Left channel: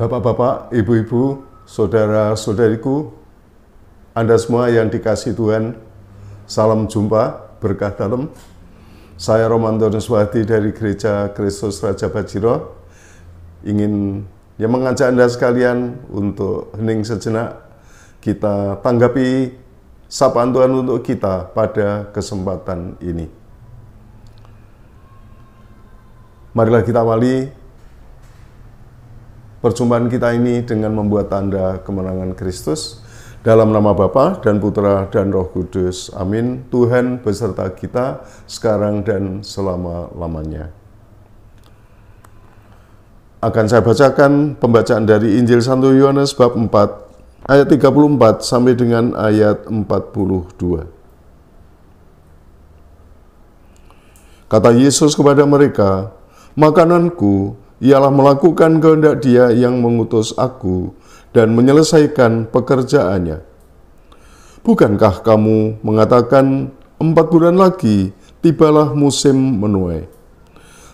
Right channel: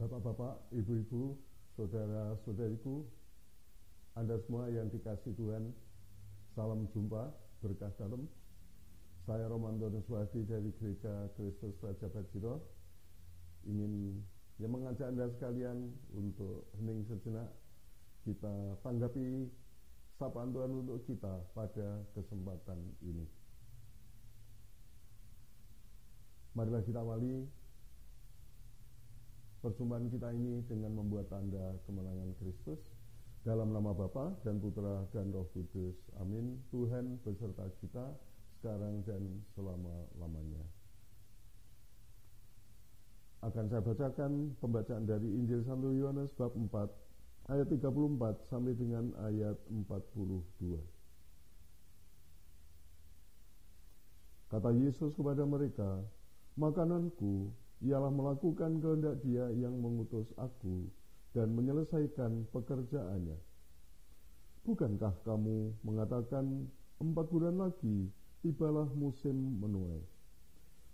Bapak-bapak, ibu-ibu, saudara-saudariku, Anda semua yang dikasihi Tuhan, salam jumpa, berkah dalam. Saya Romanto Nuswati dari Gereja Kristus Raja Bajiro, ingin mengajak Anda sekalian untuk hening sejenak, kita tanggapi sapaan Tuhan untuk kita pada kesempatan ini. Marilah kita awali perjumpaan kita ini dengan membuat tanda kemenangan Kristus. Dalam nama Bapa dan Putra dan Roh Kudus. Amin. Tuhan beserta kita sekarang dan selama-lamanya. Akan saya bacakan pembacaan dari Injil Santo Yohanes bab 4 ayat 34 sampai dengan ayat 42. Kata Yesus kepada mereka, "Makananku ialah melakukan kehendak Dia yang mengutus aku dan menyelesaikan pekerjaannya. Bukankah kamu mengatakan 4 bulan lagi tibalah musim menuai?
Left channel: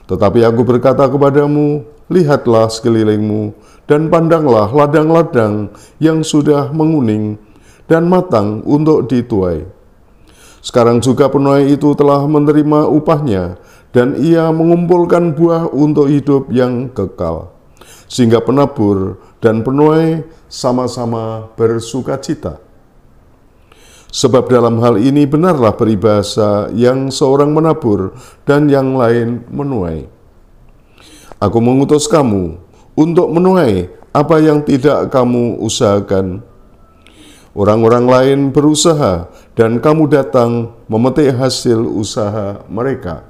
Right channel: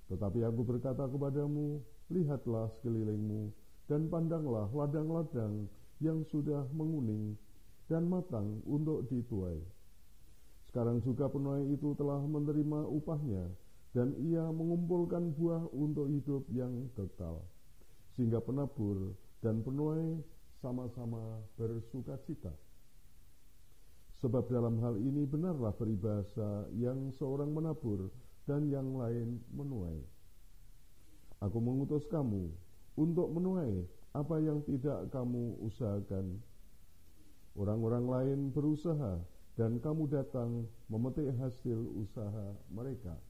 Tetapi aku berkata kepadamu, lihatlah sekelilingmu dan pandanglah ladang-ladang yang sudah menguning dan matang untuk dituai. Sekarang juga penuai itu telah menerima upahnya, dan ia mengumpulkan buah untuk hidup yang kekal, sehingga penabur dan penuai sama-sama bersukacita. Sebab dalam hal ini benarlah peribahasa yang seorang menabur dan yang lain menuai. Aku mengutus kamu untuk menuai apa yang tidak kamu usahakan. Orang-orang lain berusaha dan kamu datang memetik hasil usaha mereka."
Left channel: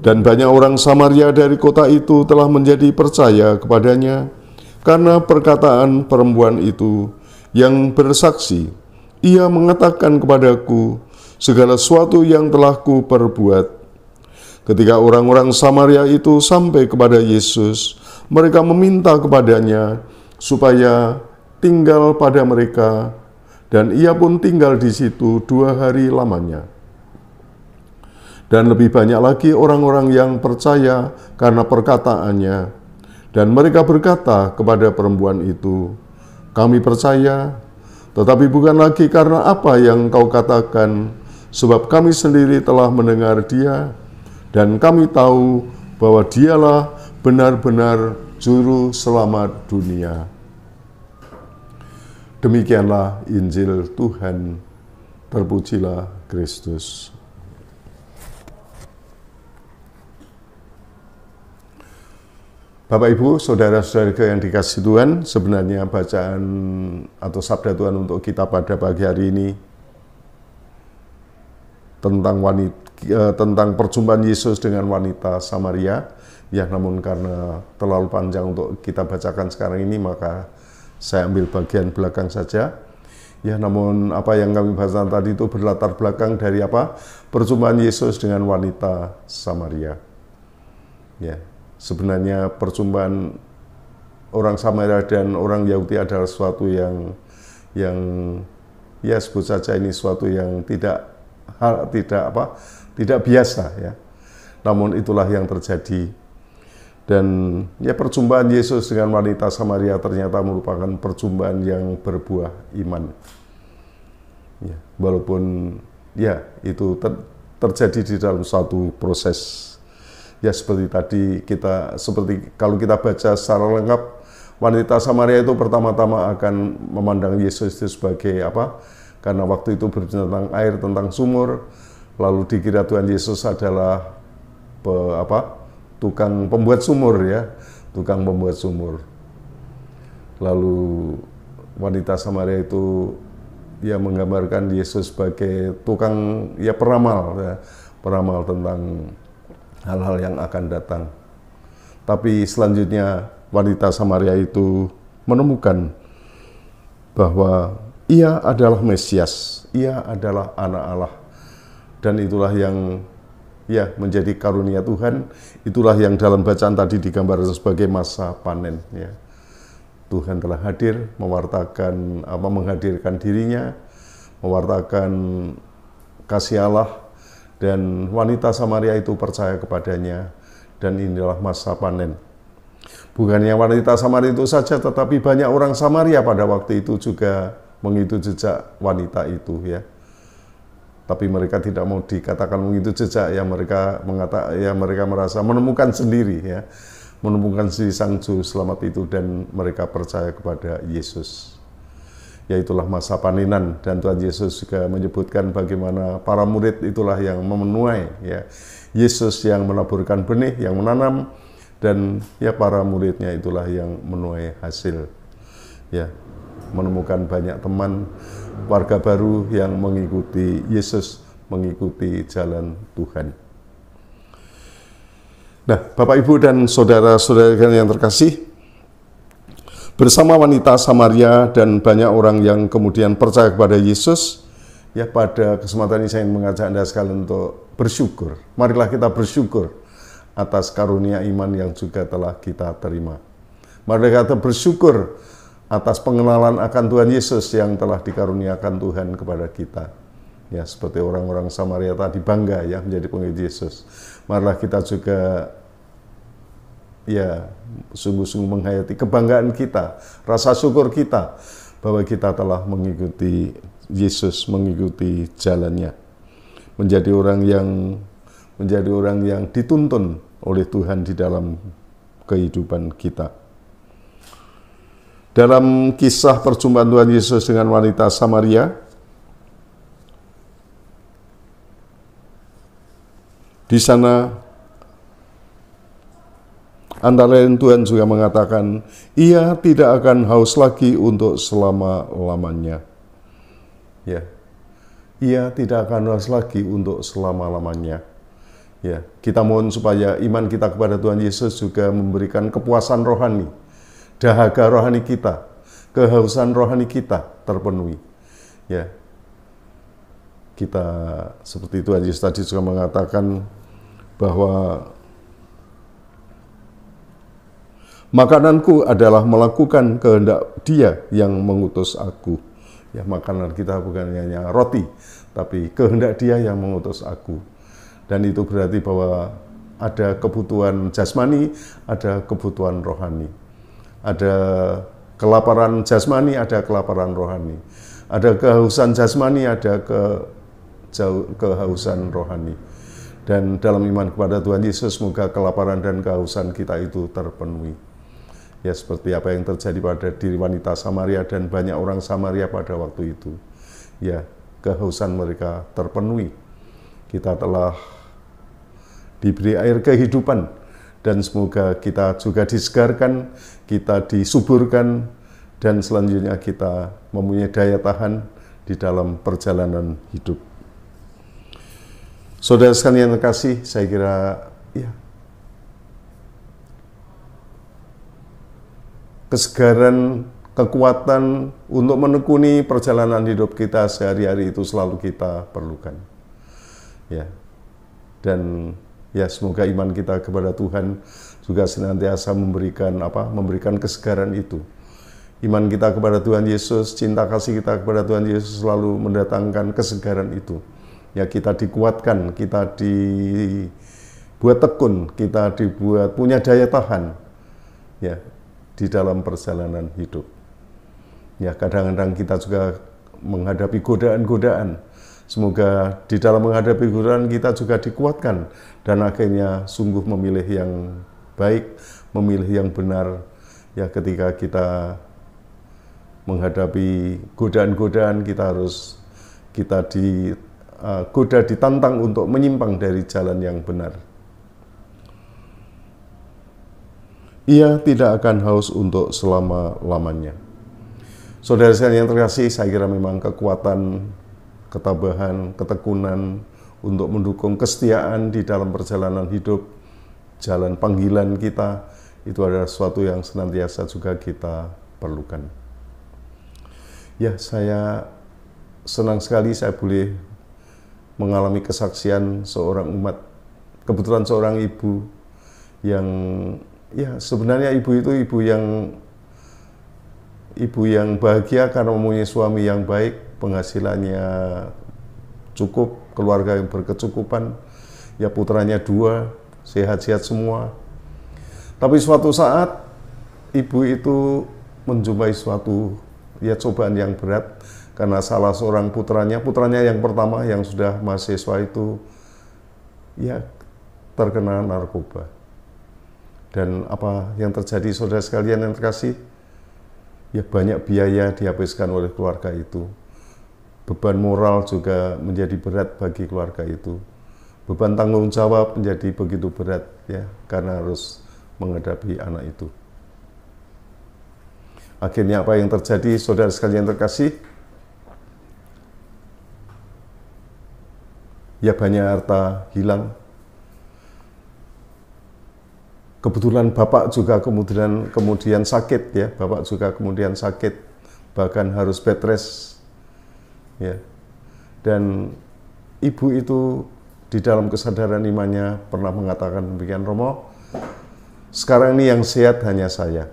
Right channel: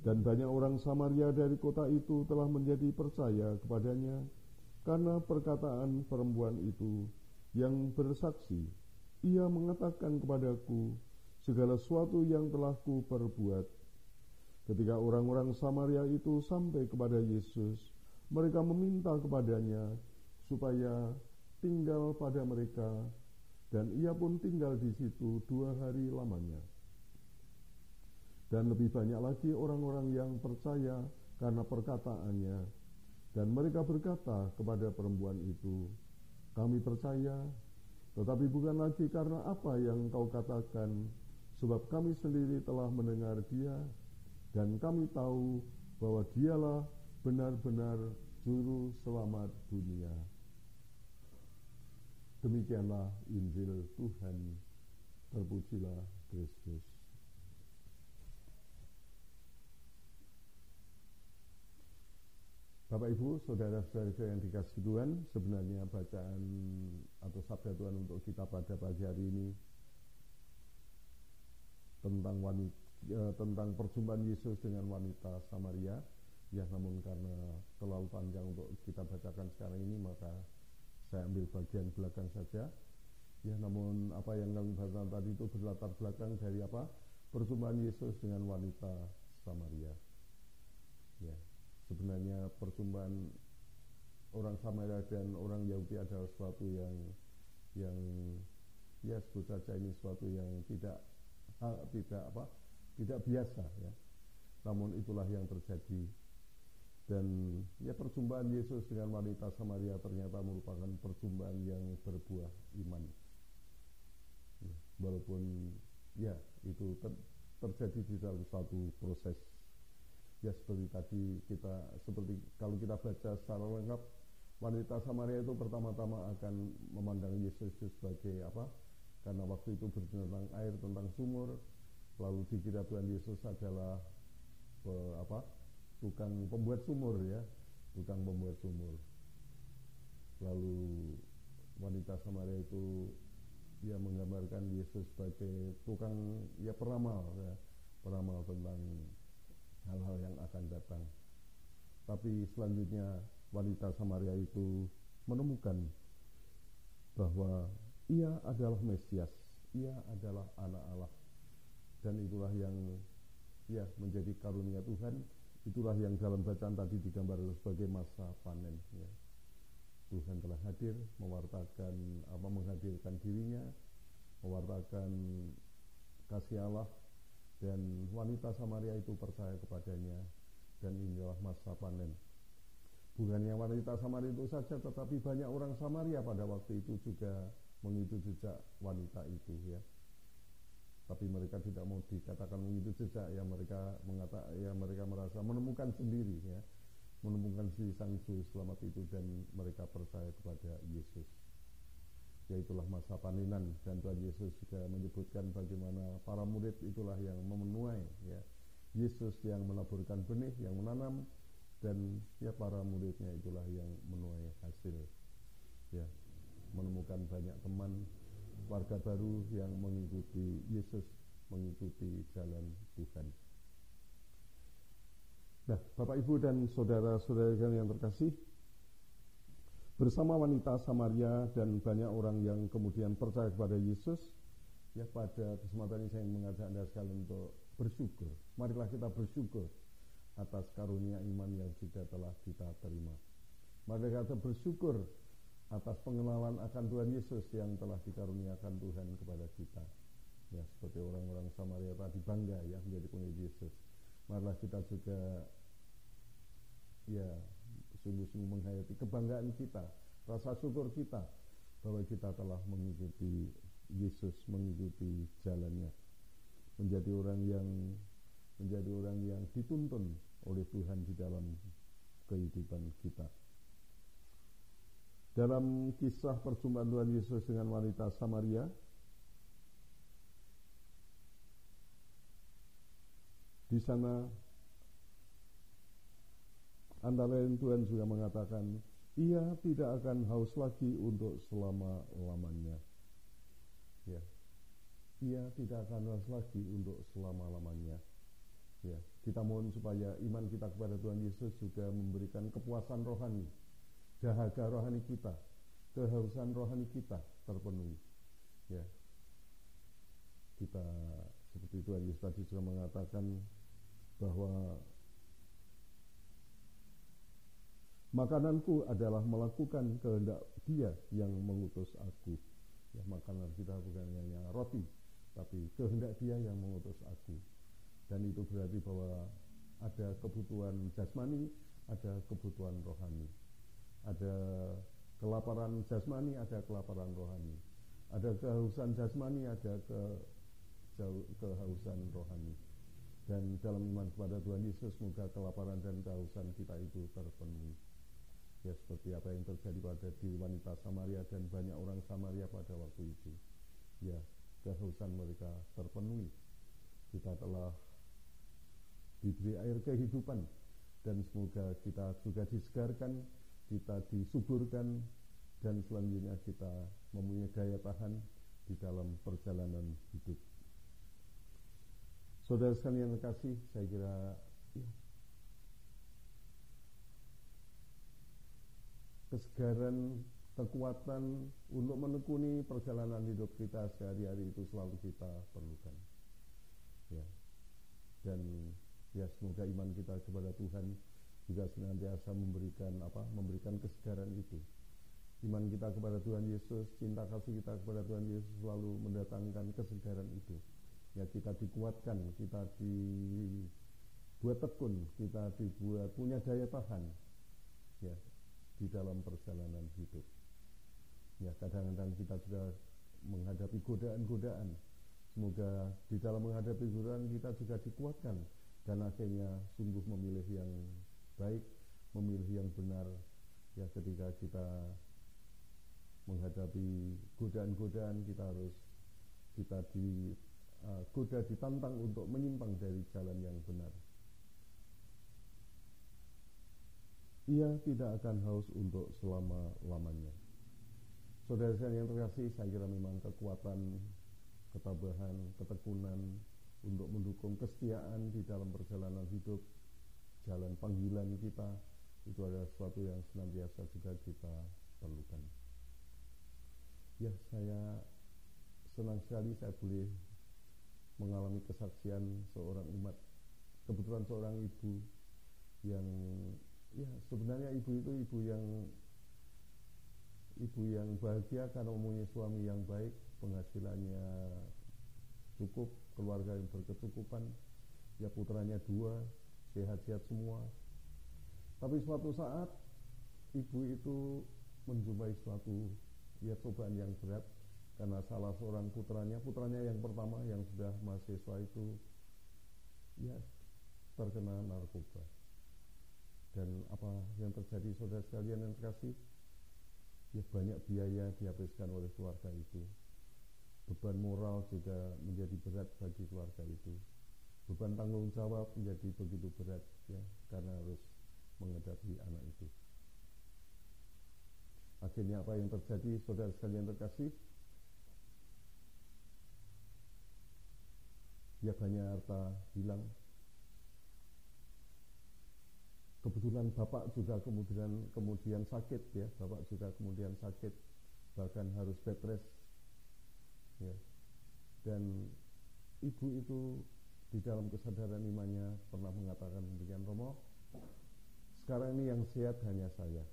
Dan banyak orang Samaria dari kota itu telah menjadi percaya kepadanya karena perkataan perempuan itu yang bersaksi, "Ia mengatakan kepadaku segala sesuatu yang telah kuperbuat." Ketika orang-orang Samaria itu sampai kepada Yesus, mereka meminta kepadanya supaya tinggal pada mereka, dan ia pun tinggal di situ 2 hari lamanya. Dan lebih banyak lagi orang-orang yang percaya karena perkataannya. Dan mereka berkata kepada perempuan itu, "Kami percaya, tetapi bukan lagi karena apa yang kau katakan, sebab kami sendiri telah mendengar Dia, dan kami tahu bahwa Dialah benar-benar Juru Selamat dunia." Demikianlah Injil Tuhan. Terpujilah Kristus. Bapak, Ibu, saudara-saudara yang dikasihi Tuhan, sebenarnya bacaan atau sabda Tuhan untuk kita pada pagi hari ini tentang perjumpaan Yesus dengan wanita Samaria. Ya, namun karena terlalu panjang untuk kita bacakan sekarang ini, maka saya ambil bagian belakang saja. Ya, namun apa yang kami bacakan tadi itu berlatar belakang dari apa? Perjumpaan Yesus dengan wanita Samaria. Ya. Sebenarnya perjumpaan orang Samaria dan orang Yahudi adalah sesuatu yang ya sebut saja ini sesuatu yang tidak biasa ya. Namun itulah yang terjadi. Dan ya perjumpaan Yesus dengan wanita Samaria ternyata merupakan perjumpaan yang berbuah iman. Ya, walaupun ya itu terjadi di dalam suatu proses. Ya seperti tadi kalau kita baca secara lengkap, wanita Samaria itu pertama-tama akan memandang Yesus itu sebagai apa? Karena waktu itu berbicara tentang air, tentang sumur, lalu dikira Tuhan Yesus adalah tukang pembuat sumur ya, tukang pembuat sumur. Lalu wanita Samaria itu ya menggambarkan Yesus sebagai tukang ya peramal tentang hal-hal yang akan datang. Tapi selanjutnya wanita Samaria itu menemukan bahwa ia adalah Mesias, ia adalah anak Allah. Dan itulah yang ya menjadi karunia Tuhan, itulah yang dalam bacaan tadi digambarkan sebagai masa panen ya. Tuhan telah hadir menghadirkan dirinya, mewartakan kasih Allah. Dan wanita Samaria itu percaya kepadanya, dan inilah masa panen. Bukannya wanita Samaria itu saja, tetapi banyak orang Samaria pada waktu itu juga mengikuti jejak wanita itu ya. Tapi mereka tidak mau dikatakan mengikuti jejak, ya mereka merasa menemukan sendiri ya, menemukan si Sang Juru Selamat itu, dan mereka percaya kepada Yesus. Yaitulah masa panenan, dan Tuhan Yesus juga menyebutkan bagaimana para murid itulah yang memenuai ya. Yesus yang menaburkan benih, yang menanam, dan ya para muridnya itulah yang menuai hasil ya, menemukan banyak teman, warga baru yang mengikuti Yesus, mengikuti jalan Tuhan. Nah, Bapak, Ibu, dan saudara-saudara yang terkasih, bersama wanita Samaria dan banyak orang yang kemudian percaya kepada Yesus, ya pada kesempatan ini saya ingin mengajak Anda sekalian untuk bersyukur. Marilah kita bersyukur atas karunia iman yang juga telah kita terima. Marilah kita bersyukur atas pengenalan akan Tuhan Yesus yang telah dikaruniakan Tuhan kepada kita. Ya, seperti orang-orang Samaria tadi bangga ya menjadi pengikut Yesus. Marilah kita juga ya sungguh-sungguh menghayati kebanggaan kita, rasa syukur kita bahwa kita telah mengikuti Yesus, mengikuti jalannya. Menjadi orang yang dituntun oleh Tuhan di dalam kehidupan kita. Dalam kisah perjumpaan Tuhan Yesus dengan wanita Samaria, di sana antara lain Tuhan juga mengatakan, ia tidak akan haus lagi untuk selama-lamanya. Ya, ia tidak akan haus lagi untuk selama-lamanya. Ya, kita mohon supaya iman kita kepada Tuhan Yesus juga memberikan kepuasan rohani, dahaga rohani kita, kehausan rohani kita terpenuhi. Ya, kita seperti Tuhan Yesus tadi juga mengatakan bahwa makananku adalah melakukan kehendak Dia yang mengutus aku. Ya, makanan kita bukan hanya roti, tapi kehendak Dia yang mengutus aku. Dan itu berarti bahwa ada kebutuhan jasmani, ada kebutuhan rohani. Ada kelaparan jasmani, ada kelaparan rohani. Ada kehausan jasmani, ada kehausan rohani. Dan dalam iman kepada Tuhan Yesus, semoga kelaparan dan kehausan kita itu terpenuhi. Ya, seperti apa yang terjadi pada diri wanita Samaria dan banyak orang Samaria pada waktu itu. Ya, kehausan mereka terpenuhi. Kita telah diberi air kehidupan, dan semoga kita juga disegarkan, kita disuburkan, dan selanjutnya kita mempunyai daya tahan di dalam perjalanan hidup. Saudara sekalian yang terkasih, saya kira ya, kesegaran, kekuatan untuk menekuni perjalanan hidup kita sehari-hari itu selalu kita perlukan. Ya. Dan ya, semoga iman kita kepada Tuhan juga senantiasa memberikan kesegaran itu. Iman kita kepada Tuhan Yesus, cinta kasih kita kepada Tuhan Yesus selalu mendatangkan kesegaran itu. Ya, kita dikuatkan, kita dibuat tekun, kita dibuat punya daya tahan. Ya, di dalam perjalanan hidup. Ya, kadang-kadang kita juga menghadapi godaan-godaan. Semoga di dalam menghadapi godaan kita juga dikuatkan dan akhirnya sungguh memilih yang baik, memilih yang benar. Ya, ketika kita menghadapi godaan-godaan, kita ditantang untuk menyimpang dari jalan yang benar. Ia tidak akan haus untuk selama-lamanya. Saudara sekalian yang terkasih, saya kira memang kekuatan, ketabahan, ketekunan untuk mendukung kesetiaan di dalam perjalanan hidup, jalan panggilan kita, itu adalah sesuatu yang senantiasa juga kita perlukan. Ya, saya senang sekali saya boleh mengalami kesaksian seorang umat, kebetulan seorang ibu yang ya, sebenarnya ibu itu ibu yang bahagia karena mempunyai suami yang baik, penghasilannya cukup, keluarga yang berkecukupan, ya putranya 2, sehat-sehat semua. Tapi suatu saat ibu itu menjumpai suatu cobaan yang berat karena salah seorang putranya yang pertama yang sudah mahasiswa itu terkena narkoba. Dan apa yang terjadi, saudara sekalian yang terkasih? Banyak biaya dihabiskan oleh keluarga itu. Beban moral juga menjadi berat bagi keluarga itu. Beban tanggung jawab menjadi begitu berat karena harus menghadapi anak itu. Akhirnya apa yang terjadi, saudara sekalian terkasih? Banyak harta hilang. Kebetulan bapak juga kemudian sakit Bapak juga kemudian sakit, bahkan harus bed rest. Dan ibu itu di dalam kesadaran imannya pernah mengatakan demikian, Romo, sekarang ini yang sehat hanya saya.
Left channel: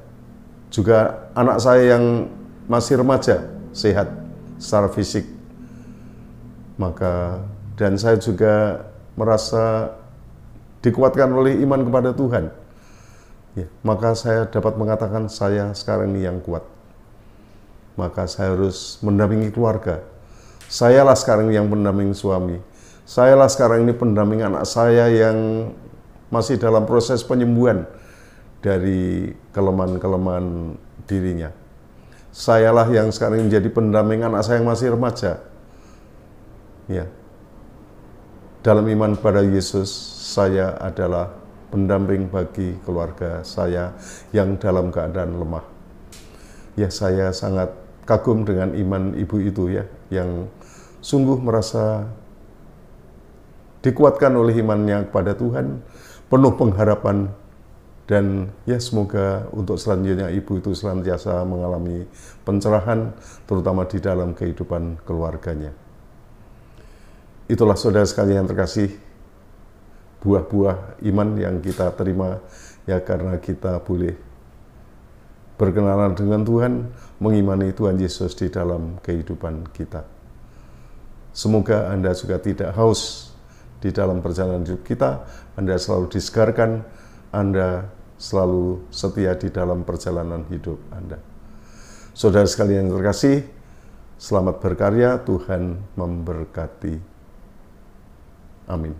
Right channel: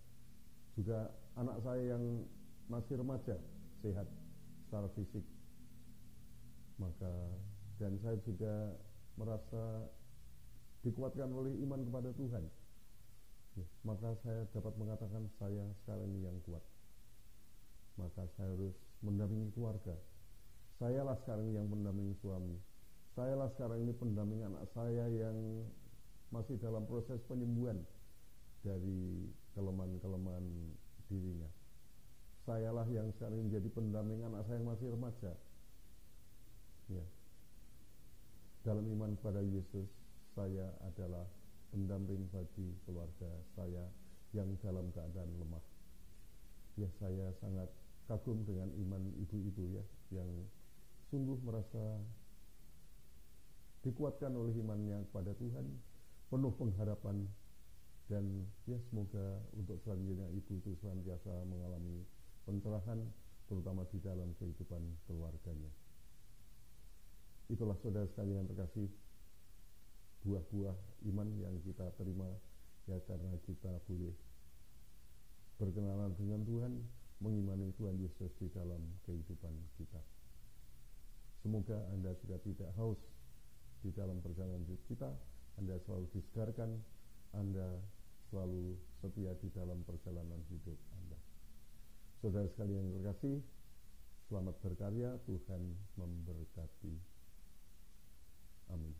Juga anak saya yang masih remaja sehat secara fisik. Dan saya juga merasa dikuatkan oleh iman kepada Tuhan. Maka saya dapat mengatakan saya sekarang ini yang kuat. Maka saya harus mendampingi keluarga. Sayalah sekarang yang pendamping suami. Sayalah sekarang ini pendamping anak saya yang masih dalam proses penyembuhan dari kelemahan-kelemahan dirinya. Sayalah yang sekarang menjadi pendamping anak saya yang masih remaja. Dalam iman pada Yesus, saya adalah pendamping bagi keluarga saya yang dalam keadaan lemah. Saya sangat kagum dengan iman ibu itu yang sungguh merasa dikuatkan oleh imannya kepada Tuhan, penuh pengharapan, dan semoga untuk selanjutnya ibu itu senantiasa mengalami pencerahan, terutama di dalam kehidupan keluarganya. Itulah saudara sekalian yang terkasih, buah-buah iman yang kita terima karena kita boleh berkenalan dengan Tuhan, mengimani Tuhan Yesus di dalam kehidupan kita. Semoga Anda juga tidak haus di dalam perjalanan hidup kita, Anda selalu disegarkan, Anda selalu setia di dalam perjalanan hidup Anda. Saudara sekalian yang terkasih, selamat berkarya, Tuhan memberkati. Amin.